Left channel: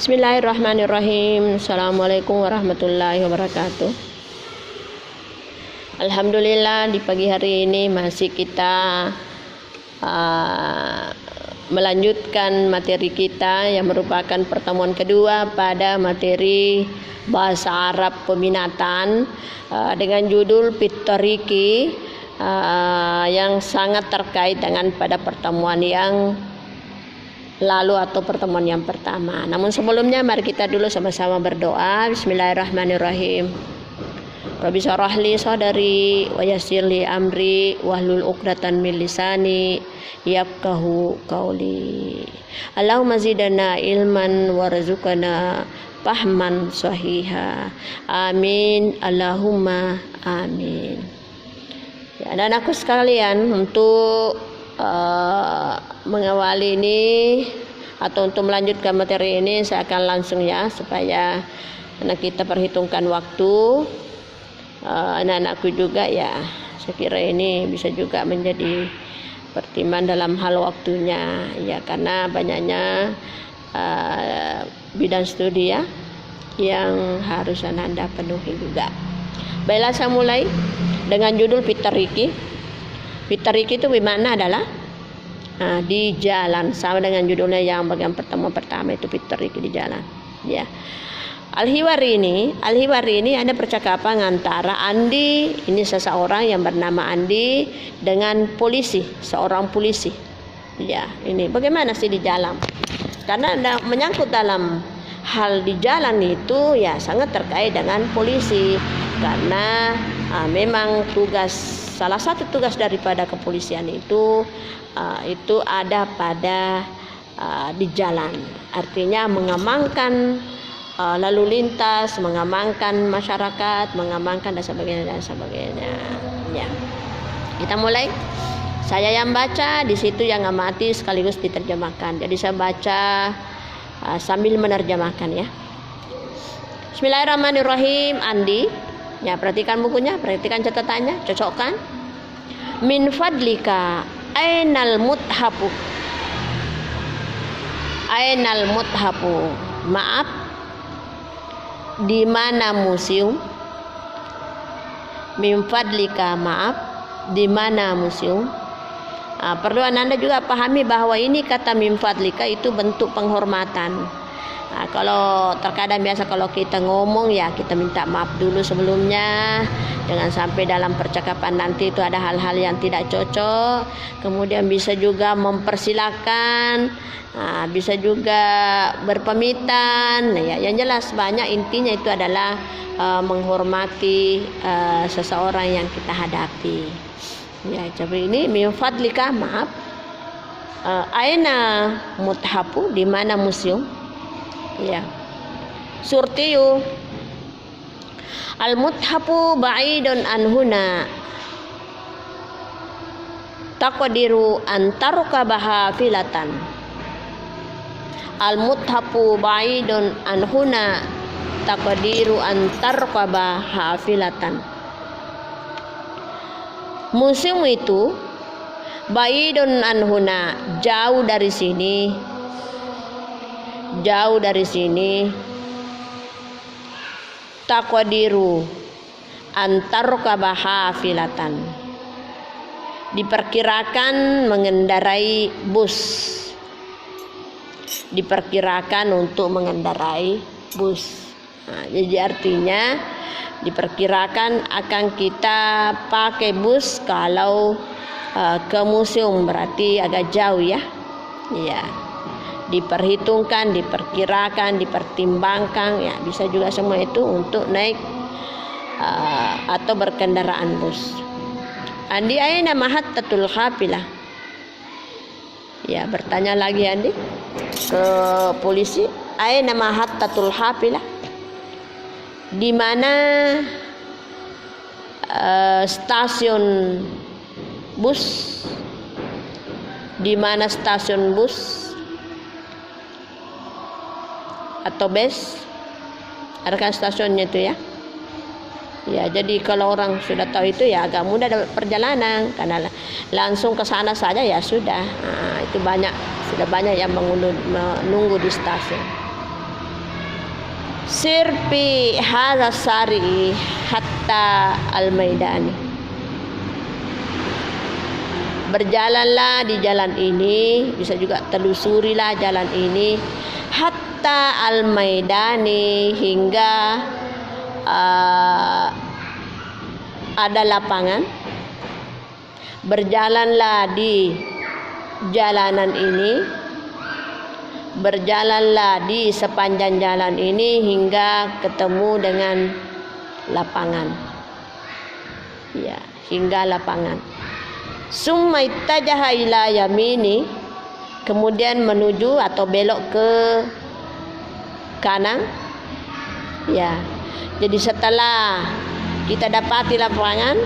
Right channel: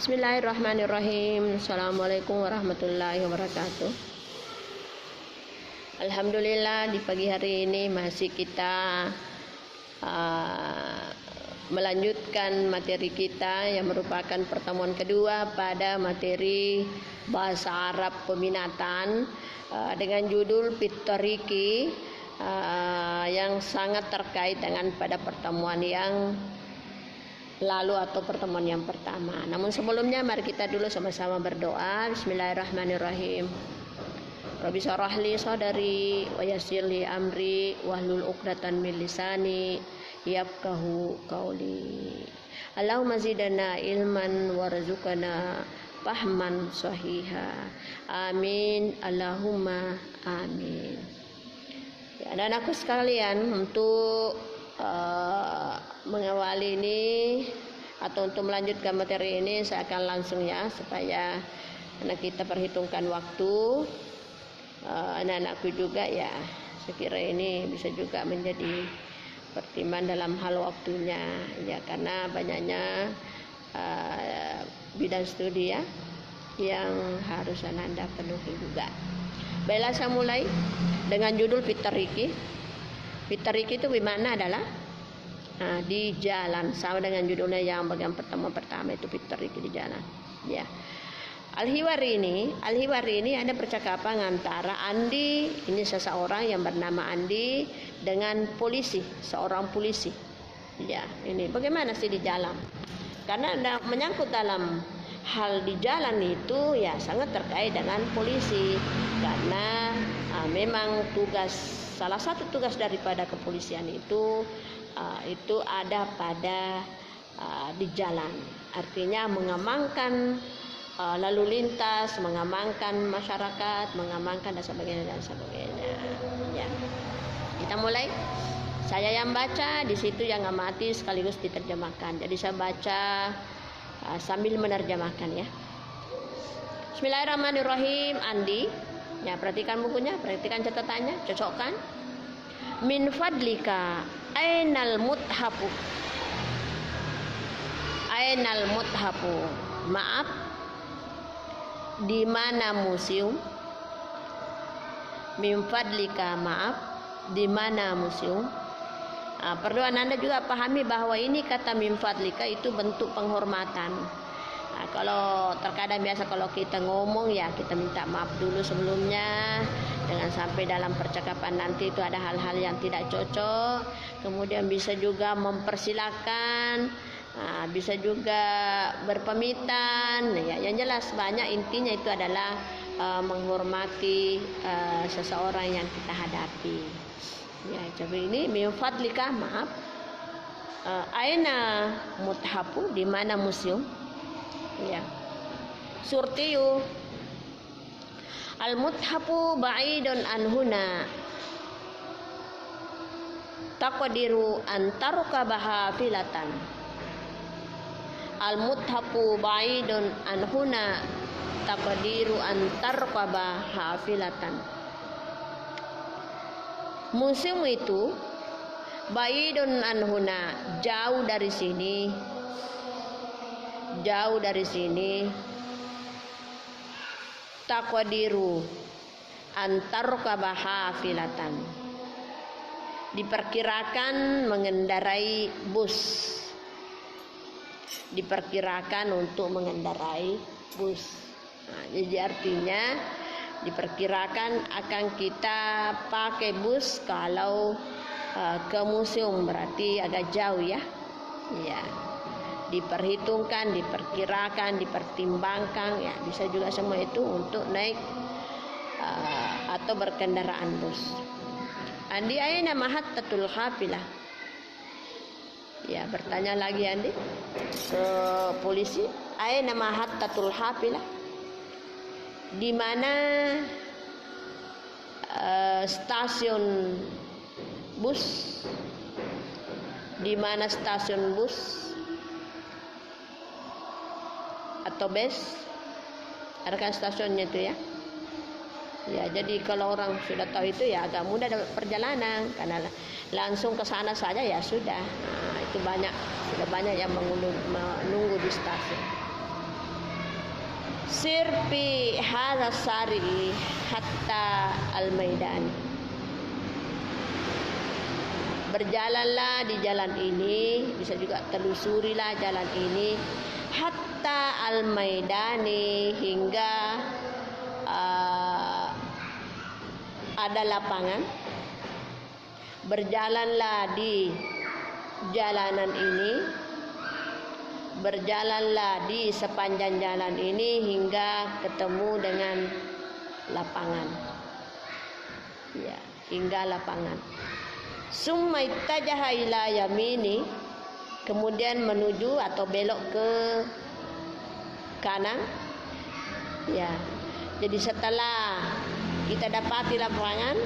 Bismillahirrahmanirrahim. Assalamualaikum warahmatullahi wabarakatuh. Alhamdulillah, di pagi hari ini masih kita melanjutkan materi kita yang merupakan pertemuan kedua pada materi bahasa Arab peminatan dengan judul Pitoriki yang sangat terkait dengan pada pertemuan yang lalu atau pertemuan yang pertama. Namun sebelumnya mari kita dulu sama-sama berdoa. Bismillahirrahmanirrahim. Rabbi syrah li sadri wa yassir li amri wahlul 'uqdatam min lisani yafqahu qawli. Allahumma zidna ilman warzuqna fahman sahiha. Amin. Allahumma amin. Ya, dan aku sekalian untuk mengawali ini atau untuk melanjutkan materi ini, saya akan langsung ya, supaya karena kita perhitungkan waktu anak-anakku juga ya, saya kira ini bisa juga menjadi pertimbangan dalam hal waktunya ya, karena banyaknya bidang studi ya yang harus Anda penuhi juga. Baiklah, saya mulai dengan judul Pitoriki. Pitoriki itu bermakna adalah di jalan, sama dengan judulnya yang bagian pertemuan pertama itu Pitoriki di jalan. Ya. Al-Hiwari ini ada percakapan antara Andi, ini seseorang yang bernama Andi, dengan polisi, seorang polisi. Ya, ini bagaimana sih di jalan? Karena menyangkut dalam hal di jalan itu ya sangat terkait dengan polisi, karena memang salah satu tugas daripada kepolisian itu ada pada di jalan, artinya mengamankan lalu lintas, mengamankan masyarakat, mengamankan dan sebagainya dan sebagainya. Ya. Kita mulai. Saya yang baca, di situ yang amati sekaligus diterjemahkan. Jadi saya baca sambil menerjemahkan ya. Bismillahirrahmanirrahim. Andi, ya, perhatikan bukunya, perhatikan catatannya, cocokkan. Min fadlika ainal muthafu. Ainal muthafu. Maaf, di mana museum? Min fadlika, maaf, di mana museum? Perlu Anda juga pahami bahwa ini kata min fadlika itu bentuk penghormatan. Kalau terkadang biasa kalau kita ngomong ya kita minta maaf dulu sebelumnya, jangan sampai dalam percakapan nanti itu ada hal-hal yang tidak cocok. Kemudian bisa juga mempersilakan, bisa juga berpamitan. Ya, yang jelas banyak intinya itu adalah menghormati seseorang yang kita hadapi. Ya, jadi ini min fadlika, maaf. Aina muthafu, di mana museum? Ya. Surtiyu. Al muthafu ba'idun anhuna. Taqdiru an tarkabaha filatan. Al muthafu ba'idun anhuna. Taqdiru an tarkabaha filatan. Museum itu ba'idun anhuna, jauh dari sini. Jauh dari sini. Taqdiru antarkabaha filatan. Diperkirakan mengendarai bus. Diperkirakan untuk mengendarai bus. Jadi artinya diperkirakan akan kita pakai bus kalau ke museum, berarti agak jauh ya. Ya. Diperhitungkan, diperkirakan, dipertimbangkan, ya bisa juga semua itu untuk naik atau berkendaraan bus. Andi aina mahattatul hafilah. Ya, bertanya lagi Andi ke polisi, aina mahattatul hafilah? Di mana stasiun bus? Di mana stasiun bus atau bus? Ada kan stasiunnya itu ya. Ya, jadi kalau orang sudah tahu itu ya agak mudah dapat perjalanan, karena langsung ke sana saja ya sudah. Itu sudah banyak yang menunggu di stasiun. sirpi harasari hatta al-maidani. Berjalanlah di jalan ini, bisa juga telusurilah jalan ini, hatta al-maidani, hingga ada lapangan. Berjalanlah di jalanan ini, berjalanlah di sepanjang jalan ini hingga ketemu dengan lapangan. Ya, hingga lapangan. Summa ittajaha ila yamini, kemudian menuju atau belok ke kanan. Ya. Jadi setelah kita dapati lapangan,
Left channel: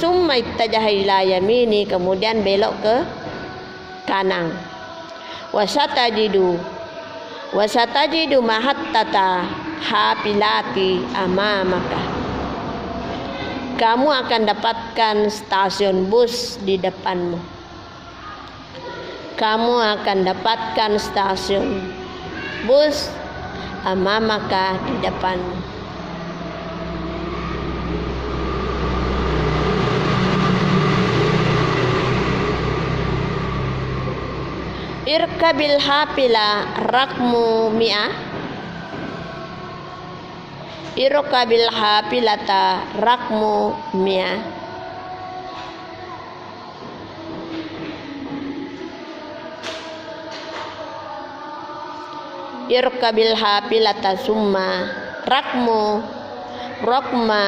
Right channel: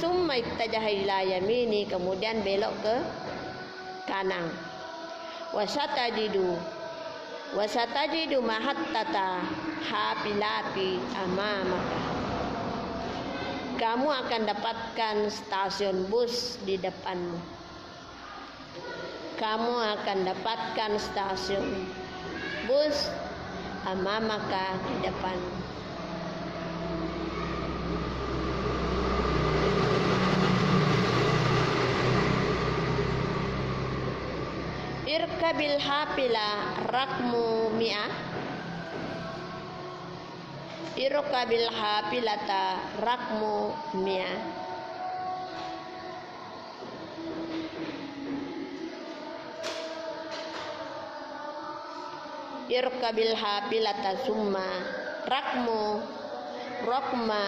summa ittajaha ila yamini, kemudian belok ke kanan. Wasatajidu mahattata hafilati amamaka. Kamu akan dapatkan stasiun bus di depanmu. Kamu akan dapatkan stasiun bus amamaka, di depanmu. Irkabil hafila rakmu mi'ah. Irkabil hafilata rakmu mi'ah. Irkabil hafilata summa rakma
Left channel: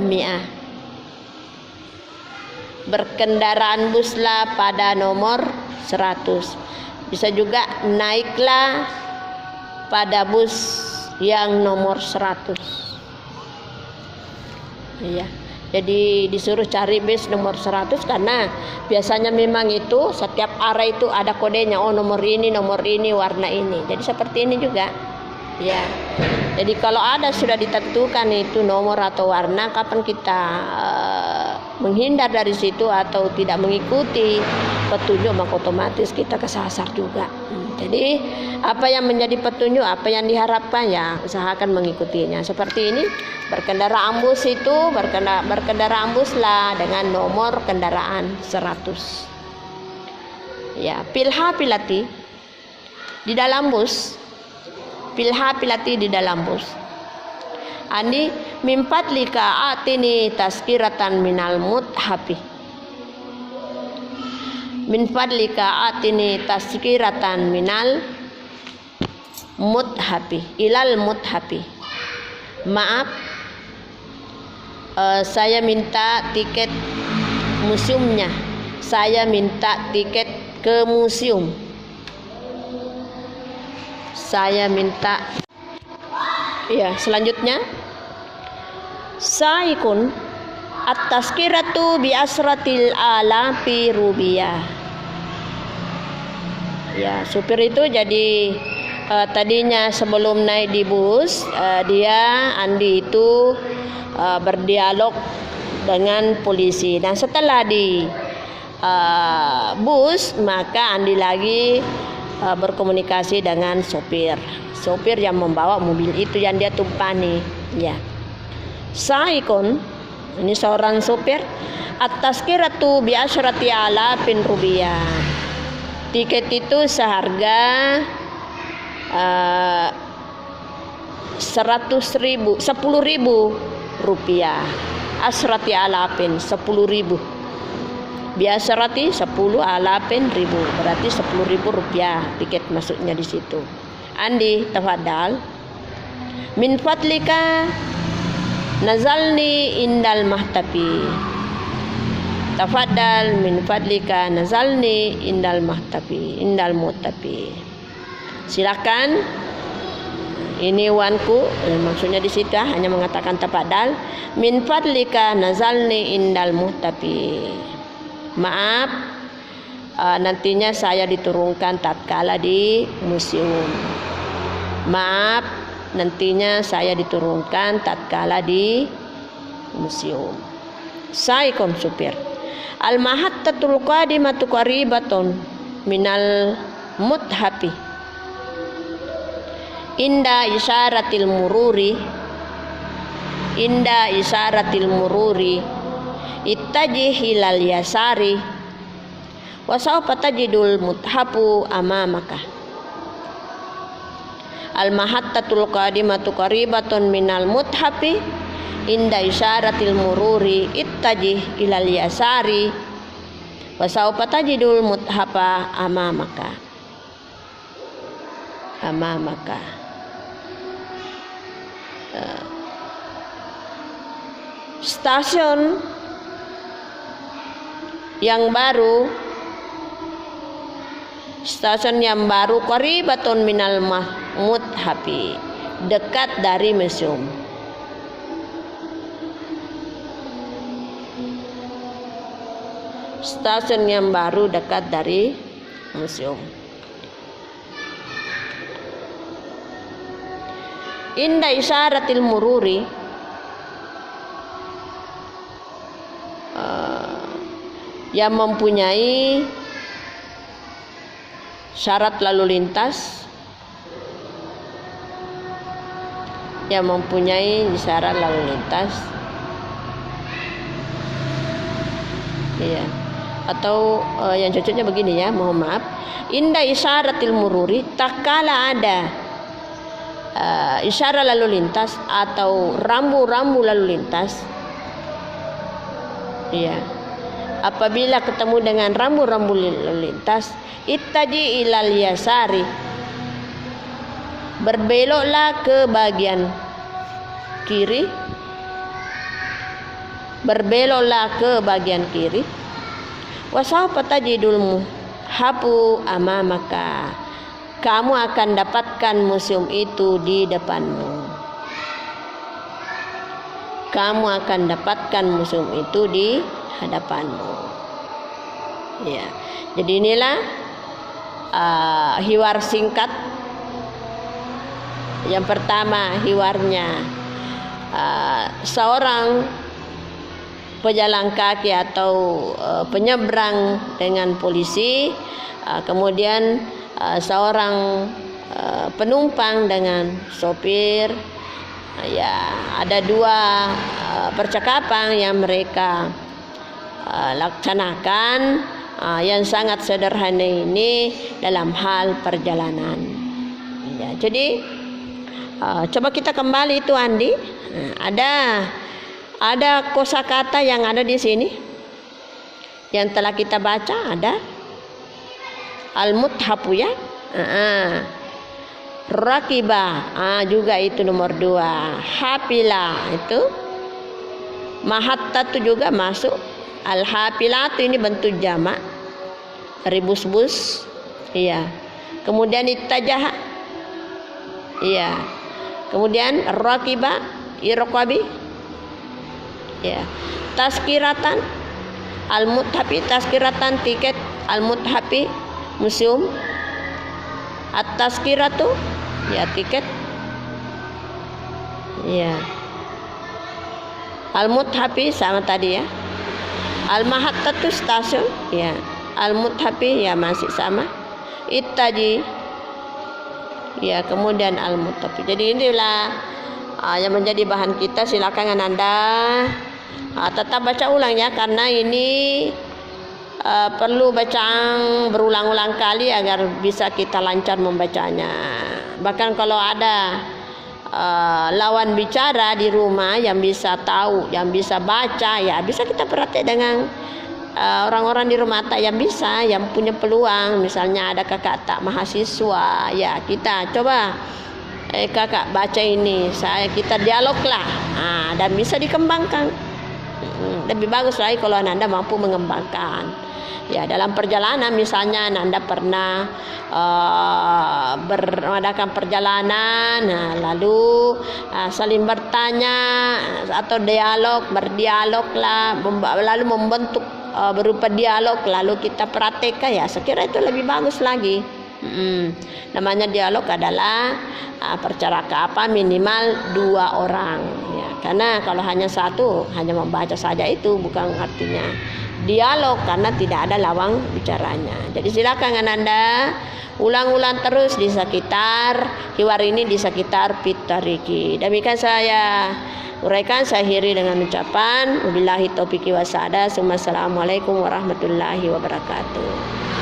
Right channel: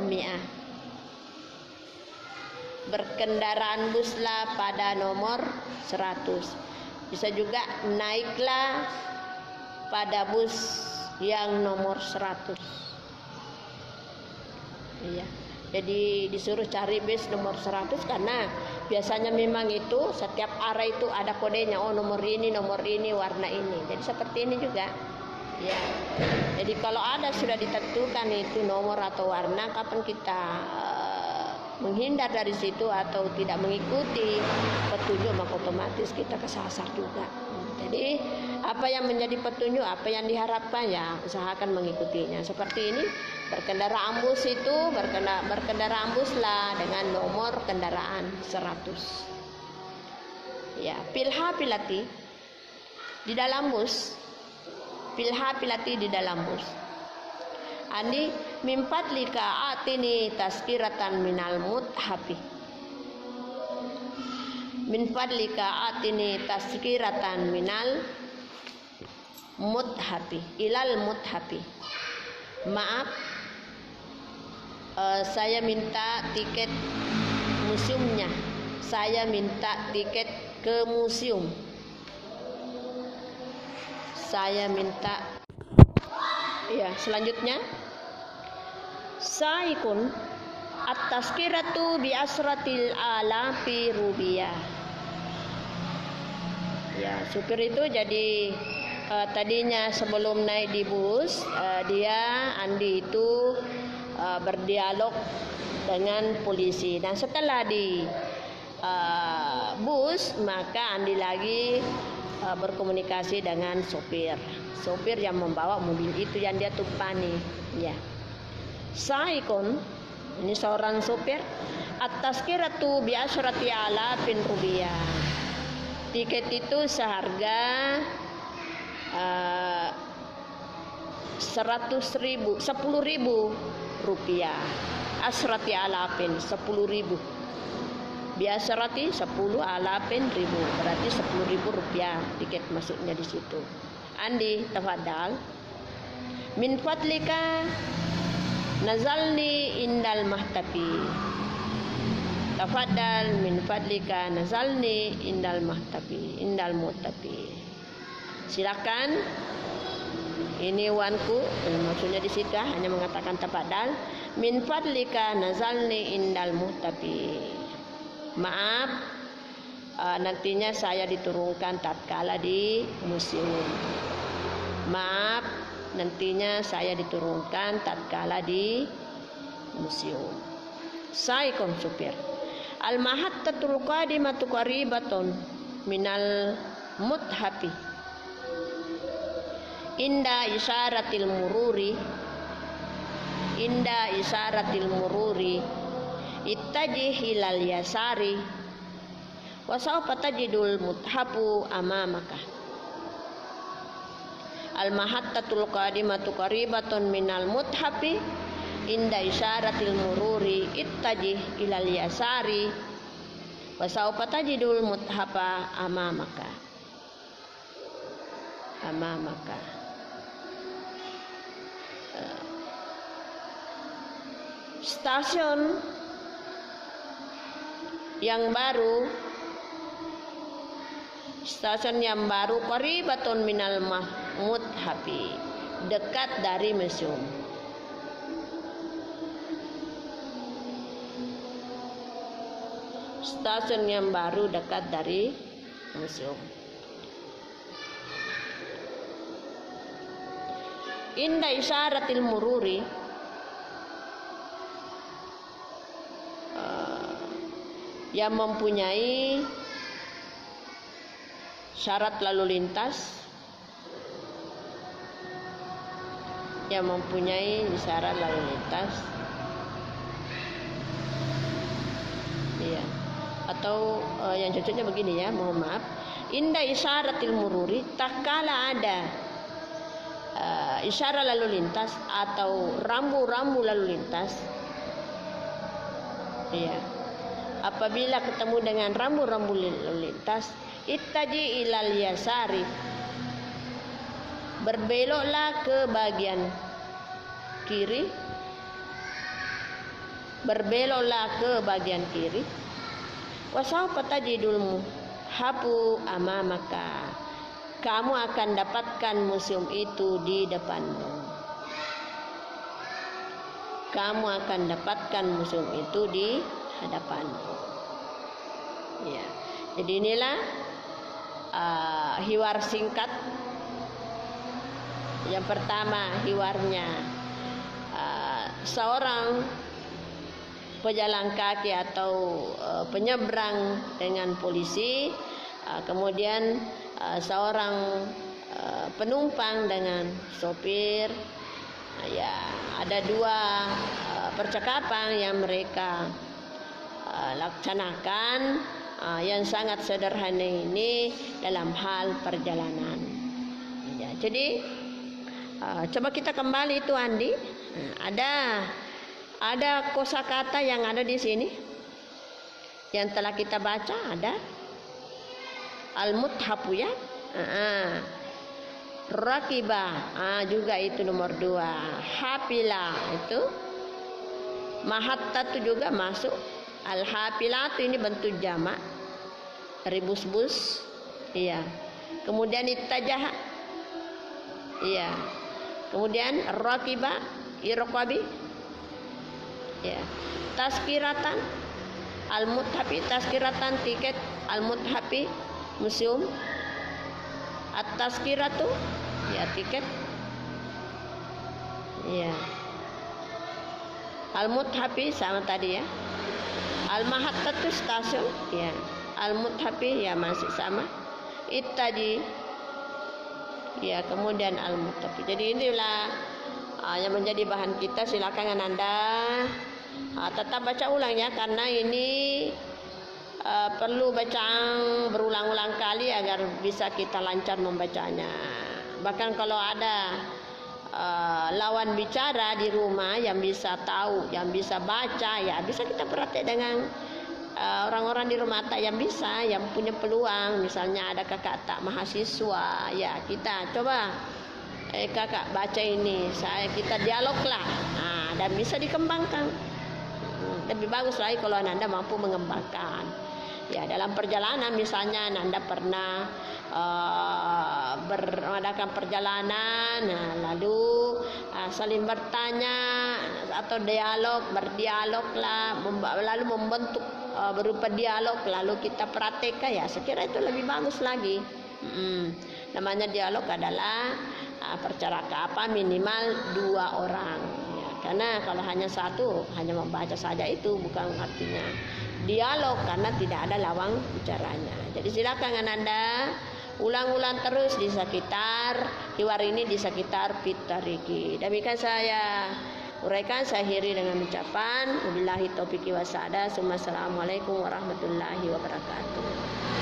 mi'ah. Berkendaraan buslah pada nomor 100. Bisa juga naiklah pada bus yang nomor 100. Iya. Jadi disuruh cari bus nomor 100 karena biasanya memang itu setiap arah itu ada kodenya. Oh, nomor ini, warna ini. Jadi seperti ini juga. Ya. Jadi kalau ada sudah ditentukan itu nomor atau warna, kapan kita menghindar dari situ atau tidak mengikuti petunjuk, maka otomatis kita kesasar juga. Jadi apa yang menjadi petunjuk, apa yang diharapkan, ya usahakan mengikutinya. Seperti ini, berkendaraan bus itu berkendaraan buslah dengan nomor kendaraan 100. Ya, pilati di dalam bus. Pilati di dalam bus. Andi mimpat lika atini taskiratan minal muthafi. Mimpat lika atini taskiratan minal muthafi ilal muthafi. Maaf, saya minta tiket museumnya. Saya minta tiket ke museum. Saya minta. Ya, selanjutnya saikun at-tazkiratu bi asratil alafi rubiyah. Ya, supir itu jadi tadinya sebelum naik di bus, Andi itu berdialog dengan polisi. Dan setelah di bus, maka Andi lagi berkomunikasi dengan sopir yang membawa mobil itu yang dia tumpangi. Ya. Saikun, ini seorang sopir, at-tazkiratu bi asyrati alafin rubiyah. Tiket itu seharga 10.000 rupiah. Asyrati alafin 10.000. Biasa rati 10 alafin ribu, berarti 10.000 rupiah tiket masuknya di situ. Andi, tafadhal. Min fadlika nazalni indal mahtafi. Tafadhal min fadlika nazalni indal mahtafi, indal muhtafi. Silakan. Ini wanku, maksudnya di situ hanya mengatakan tafadhal. Min fadlika nazalni indal muhtafi. Maaf, nantinya saya diturunkan tatkala di museum. Maaf, nantinya saya diturunkan tatkala di museum. Saikun supir. Al-mahattatul qadimatu qaribatun minal muthafi. inda isyaratil mururi ittajih ilal yasari wa sawfa tajidul muthafu amamaka. Al mahattatul qadimatu qaribatun minal muthafi inda isyaratil mururi ittajih ilal yasari wa sawfa tajidul muthafa amamaka. Stasiun yang baru qaribatun minal muthafi, dekat dari museum. Stasiun yang baru dekat dari museum. Inda isyaratil mururi yang mempunyai syarat lalu lintas, iya. Atau yang cocoknya begini ya, mohon maaf. Inda isyaratil mururi, tak kala ada isyarat lalu lintas atau rambu-rambu lalu lintas, iya. Apabila ketemu dengan rambu-rambu lalu lintas, ittaji ilal yasari, berbeloklah ke bagian kiri, wasawfa tajidul muhafu amamaka, kamu akan dapatkan museum itu di depanmu. Ya, jadi inilah hiwar singkat. Yang pertama, hiwarnya seorang pejalan kaki atau penyeberang dengan polisi, kemudian seorang penumpang dengan sopir. Ya, ada dua percakapan yang mereka laksanakan yang sangat sederhana ini dalam hal perjalanan. Ya, jadi coba kita kembali itu Andi. Ada kosakata yang ada di sini yang telah kita baca, ada al-muthafu ya. Rakiba juga itu nomor 2. Hafila itu, mahatta itu juga masuk. Al-hafilatu ini bentuk jamak, ribus-bus, iya. Kemudian ittajaha, iya. Kemudian rakiba, irqabi, ya. Tazkiratan, al-muthafi, tazkiratan tiket, al-muthafi museum. At-tazkiratu, ya tiket, ya. Al-muthafi sama tadi ya. Al-mahattatu stasiun, ya. Al-muthafi ya masih sama. Ittaji, ya. Kemudian al-muthafi. Jadi inilah yang menjadi bahan kita. Silakan Anda tetap baca ulang ya, karena ini perlu bacaan berulang-ulang kali agar bisa kita lancar membacanya. Bahkan kalau ada lawan bicara di rumah yang bisa tahu, yang bisa baca, ya bisa kita praktek dengan orang-orang di rumah tak yang bisa, yang punya peluang. Misalnya ada kakak tak mahasiswa, ya kita coba kakak baca ini, kita dialoglah, dan bisa dikembangkan. Lebih bagus lagi kalau Anda mampu mengembangkan. Ya, dalam perjalanan misalnya Anda pernah mengadakan perjalanan, lalu saling bertanya atau berdialoglah, lalu membentuk berupa dialog, lalu kita praktekkan, ya saya kira itu lebih bagus lagi. Namanya dialog adalah percakapan minimal 2 orang, ya. Karena kalau hanya satu, hanya membaca saja itu bukan artinya dialog, karena tidak ada lawan bicaranya. Jadi silakan Anda ulang-ulang terus di sekitar hiwar ini, di sekitar Pitariki. Demikian saya uraikan, saya akhiri dengan ucapan wabillahi taufiq wa hidayah. Assalamualaikum warahmatullahi wabarakatuh.